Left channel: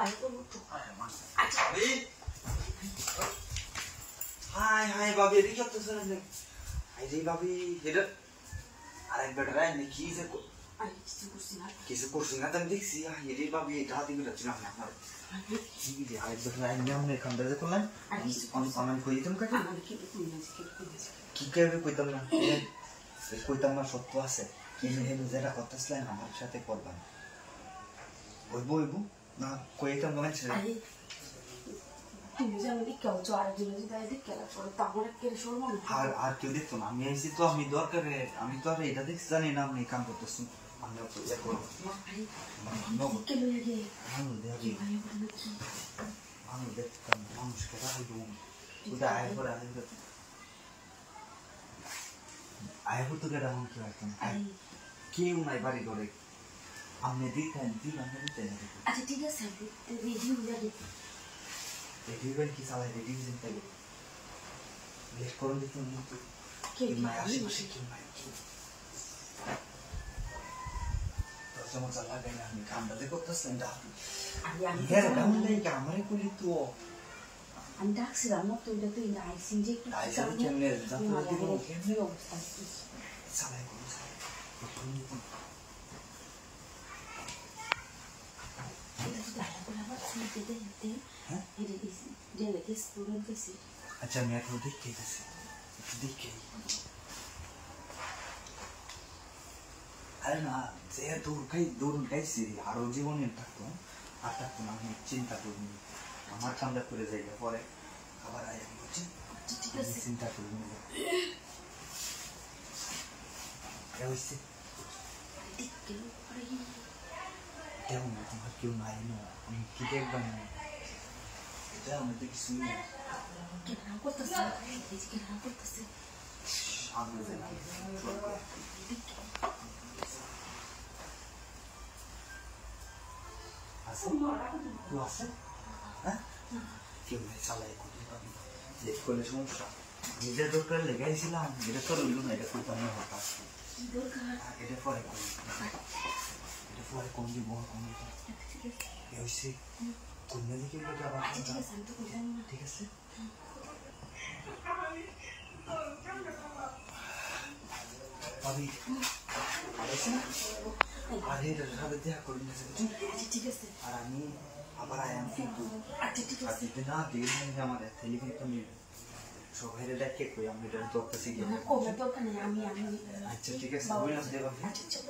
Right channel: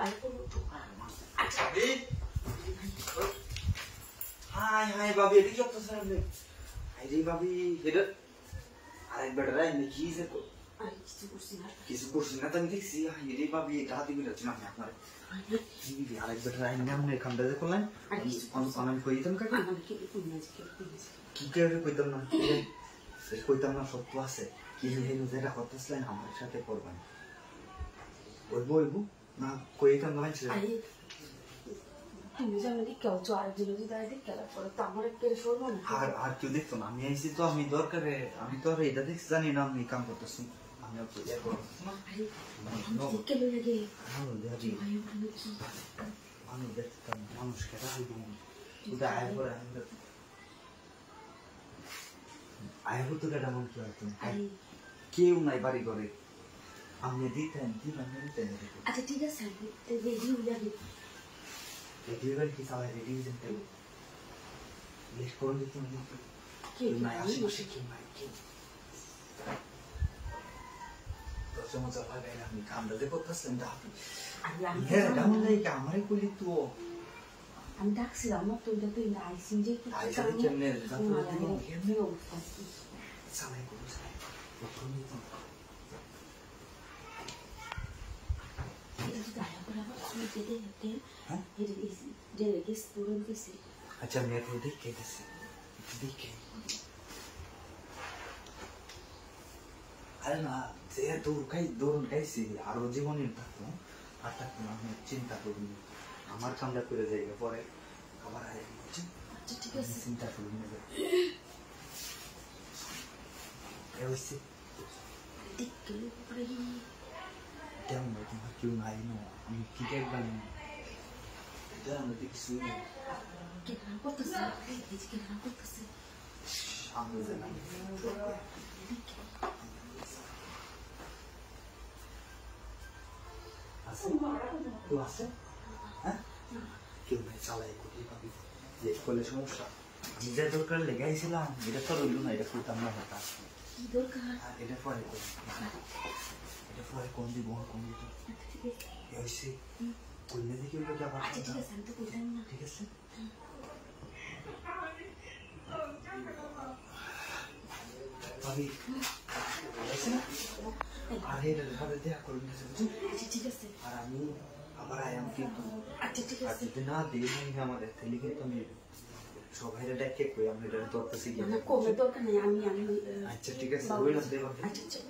আরে তো আচ্ছা হাই ভাবি এদিকে কি হচ্ছে স্যার আপনি আরে ভাবি এটা আরেক বেটা নি কি যে তো আরে কিছু করছি না তো আমি দেখছি আরে ভাবি এটা হাতে মিলাচ্ছি না আপনার কি আরেক বেটা নর্মাল খান্ডা যে করলেন আমি কই দিতাম কাকে কি কইবে কইতাম না সত্য আছে কি মেহে যেটা করতেছিলেন আমার সাথে করবেন বইবো না কইতাম না মানে তুমি জানো কি কেউ তো আর দিনে দিনে আইতে খেলা করো তো আমার কে শুরু না আর তুই দেখতো না আমি আইছি তো আমি দরকারে আমি তো আর এটা দেখছি জানি না আমি কাম করতেছি আমি তো দেখো আমি কে লাগে আমি দেখি আমি দেখতাম মানুষ কথা হইব তুই আয় করে আয় তো কেডা মন কি একদম কেউ নাই বাড়ি করে আমি দিতেন আচ্ছা ঠিক আছে রেডি হয়ে যাবে Everyone is our reducing table. Let's go to the someone's allowed and come to the purpose and that. Yeah, down like American to and that's it. I'm not doing the thing I see. I said, you can never. It's a like अच्छा मैं तो देख के बस देख के अरे ना जे दूर कई सी आरो जीवन में तक ना हम चिंता करूँ हमारे ठंडा करे जाएगा परे खबर आए मुझे ठीक है चिंता करूँ मैं वैसे देख के परे क्या मैं तुम्हारे क्यों नहीं ना मैं किधर बना क्या मैं देख सुन Kenapa kesel? Kenapa kesel? Ambil saja. Asal? Tu asal? Hah? Kau ni salah ikut dia tadi. Dia kalau semua sah. Dia doktor lega isi lah. Dia for ulu na. Dia for tamna hotas. Doktor? Dia for ikut. Dia for ikut dia buang kondi tu. Ya isi. Tu ni dikit berapa? ठीक है संत को जाना. ठीक है sir. अभी ऐसे ना आधे रहा दे कोई नहीं समझ ठीक है सर आरामी हमारा आयाम की तो अच्छा ठीक है लेकिन ना दिन में हमारे लेकिन तुम সবাইরে ডেকে কই আমি এটা তো করতেছি না কবে তো কেন আমি আচ্ছা ঠিক আছে বলে দেব আচ্ছা আচ্ছা